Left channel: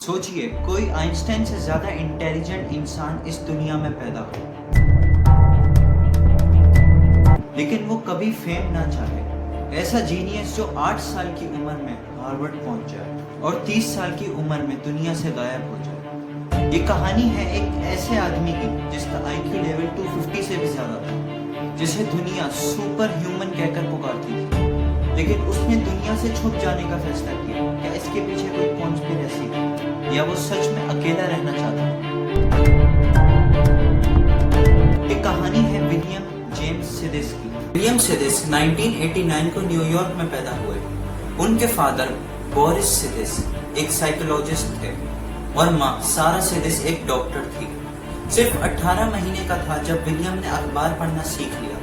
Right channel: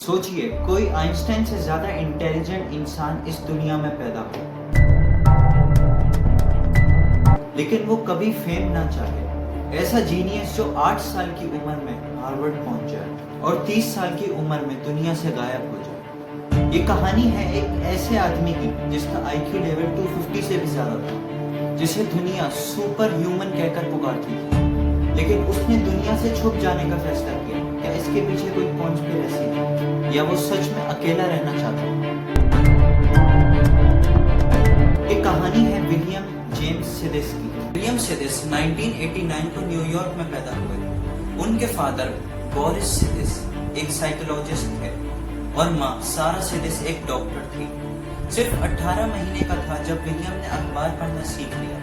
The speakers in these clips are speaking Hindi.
सोचिए कोई आइंस्टाइन से ज्यादा इंटेलिजेंट इंसान इस दुनिया में पैदा हो, लेकिन वो कभी फेम ना चाहे। ऐसा जीनियस जो 8 साल की उम्र में हार्वर्ड पहुंच जाए और 30 साल की उम्र में दुनिया से गायब हो जाए। ये कहानी है एक ऐसे आदमी की जिसका आईक्यू लेवल 250 से भी ज्यादा था, जिसे दुनिया सुपर ह्यूमन कहकर पुकारती थी, लेकिन उसने दुनिया से छुप जाने का फैसला किया। क्या इसके पीछे कोई कॉन्स्पिरेसी थी या वो सच में अकेला रहना चाहता था? एक कहानी है विलियम जेम्स सिदिस की। विलियम सिदिस 1989 को न्यूयॉर्क में पैदा हुए। उनके फादर बोरिस सिदिस एक साइकोलॉजिस्ट थे और माँ सारा सिदिस एक डॉक्टर थी। सिर्फ 18 महीने का था जब विलियम ने अखबार पढ़ना सीख लिया।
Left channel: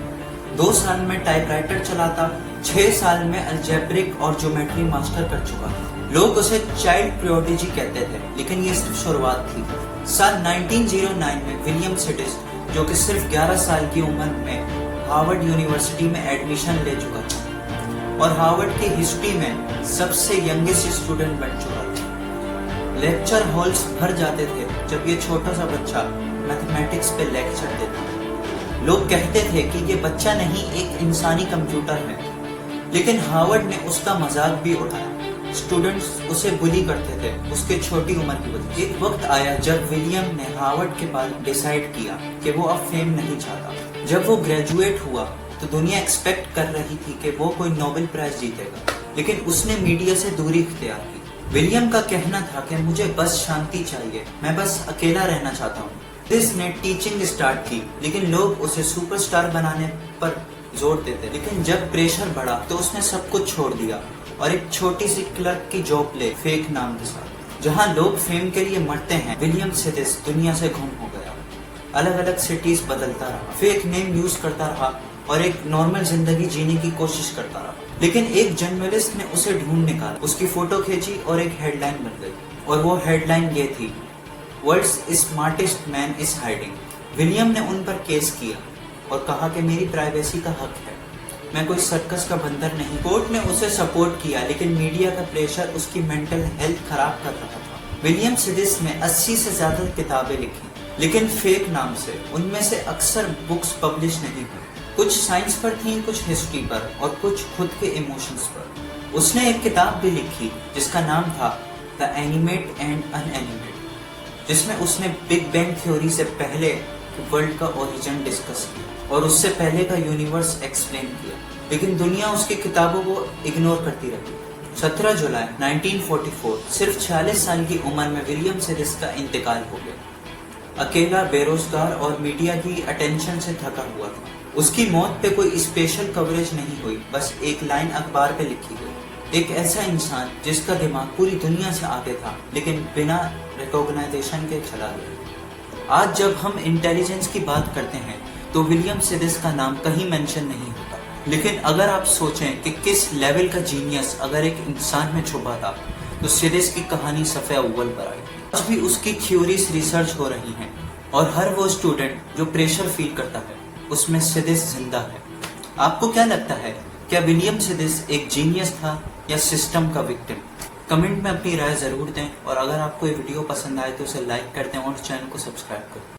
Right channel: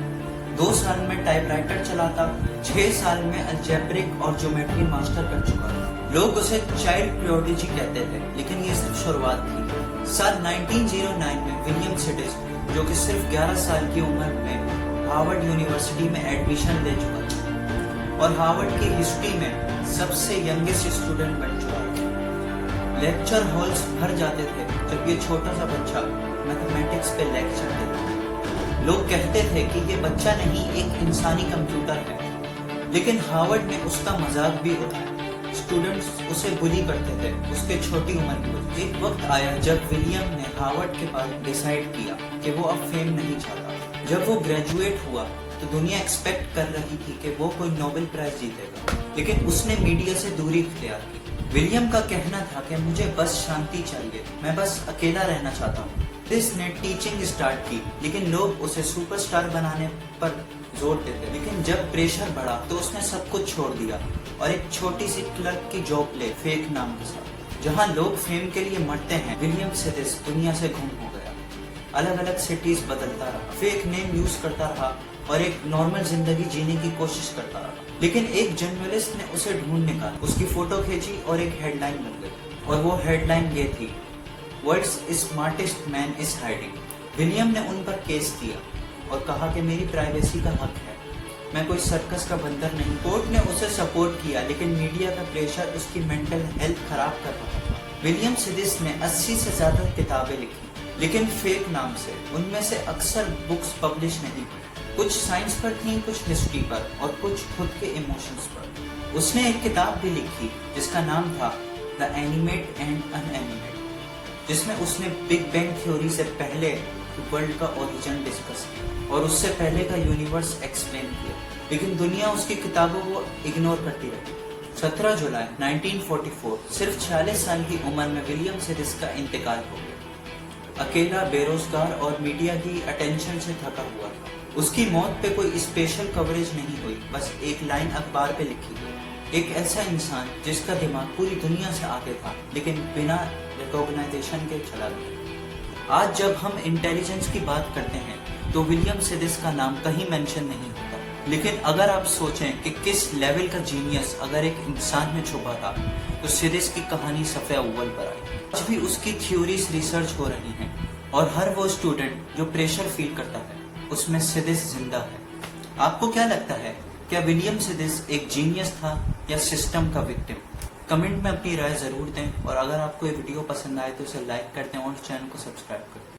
2 साल में टाइपराइटर चलाता, 6 साल में अलजेब्रिक और ज्योमेट्री मास्टर कर चुका था। लोग उसे चाइल्ड प्रोडिजी कहते थे, लेकिन ये सिर्फ शुरुआत थी। साल 1909 में विलियम सिडिस, जो कि सिर्फ 11 साल की उम्र में हार्वर्ड यूनिवर्सिटी में एडमिशन ले चुका था और हार्वर्ड की हिस्ट्री में सबसे यंगेस्ट स्टूडेंट बन चुका था। लेक्चर हॉल्स भर जाते थे जब ये छोटा सा बच्चा मैथमेटिक्स पे लेक्चर देता था। लोग कहते थे कि ये बच्चा नहीं, एक इंसानी कंप्यूटर है, लेकिन हार्वर्ड ने उसका मजाक भी उठाया। स्टूडेंट्स उसे बुली करते थे उसके छोटी उम्र की वजह से। एक वक्त आया जब विलियम ने हार्वर्ड के बाद डिसाइड किया कि वो अब फेम नहीं चाहता। जब वो ग्रेजुएट हुआ तो दुनिया एक्सपेक्ट कर रही थी कि वो कोई नोबेल प्राइज जीतेगा, लेकिन उसने मीडिया से दूरी इख्तियार की। विलियम का कहना था कि मुझे बस शांति चाहिए, मैं बस अकेला रहना चाहता हूँ। सिदिस ने टीचिंग स्टार्ट की, लेकिन लोग उसे सुपरस्टार बनाने पर जोर देते। लेकिन जब प्रेशर बढ़ा तो उसने सब कुछ छोड़ दिया और एक छोटी सी क्लर्क की जॉब ले, फेक नाम के साथ। जहाँ लोग फेम के लिए मरते हैं, विलियम सिदिस दुनिया से गुम हो गया। अलग अलग सिटीज बदलता रहा, फेक नेम यूज करता रहा और एक नॉर्मल जिंदगी जीने की कोशिश करता रहा। लेकिन एक जर्नलिस्ट ने उसे ढूंढ निकाला, उसकी फोटो खींची और एक हेडलाइन बन गई। और वो हेडलाइन ये थी, world's smartest man is hiding. William ने उन पर केस किया और कहा कि मेरी प्राइवेसी का हक है, मैं कोई सर्कस का बंदर नहीं। कोर्ट ने उसे सपोर्ट किया, लेकिन मीडिया का प्रेशर उसकी मेंटल हेल्थ खराब कर रहा था। विलियम सिदिस ने 80 से ज्यादा किताबें लिखी, लेकिन फेक नाम से। उनमें से अक्सर बुक्स पब्लिश नहीं हुई। कुछ साइंस पर थी, कुछ हिस्ट्री पर और कुछ खुद के इमोशंस पर। उसने एक किताब भी लिखी जिसका नाम था द एनिमेट एंड अनएनिमेट, जिसमें उसने बिग बैंग थ्योरी से पहले वर्ल्ड का ओरिजिन डिस्कस किया और उससे पहले का यूनिवर्स एक्सप्लेन किया। लेकिन दुनिया उसकी किताबों को इग्नोर करती रही। 17 जुलाई 1944 सिर्फ 46 साल की उम्र में विलियम सिदिस का इंतकाल हो गया। अकेला, बेरोजगार और मीडिया की अटेंशन से थका हुआ था। उसकी मौत पे कोई स्पेशल कवरेज नहीं हुई, बस एक लाइन अखबार पे लिखी गई। एक ऐसा इंसान जिसका दिमाग पूरी दुनिया से आगे था, लेकिन बिना रिकॉग्नाइजेशन के चला गया। आज जब हम इंटेलिजेंस की बात करते हैं तो विलियम सिदिस का नाम कहीं मेंशन नहीं होता, लेकिन अगर आप सोचें कि किस लेवल का जीनियस अगर एक इंसान में छुपा था, तो सिदिस की कहानी सफ़े अव्वल पर आई। आज भी उसकी थ्योरीज रिसर्च हो रही हैं और हर वो स्टूडेंट जो प्रेशर फील करता है, उसमें सिदिस जिंदा है। आपको क्या लगता है, क्या विलियम सिदिस एक जीनियस था या सिस्टम का विक्टिम? कमेंट में अपनी राय जरूर दें और अगर आपको ये वीडियो पसंद आए तो उसे लाइक कर दें और चैनल को सब्सक्राइब करें।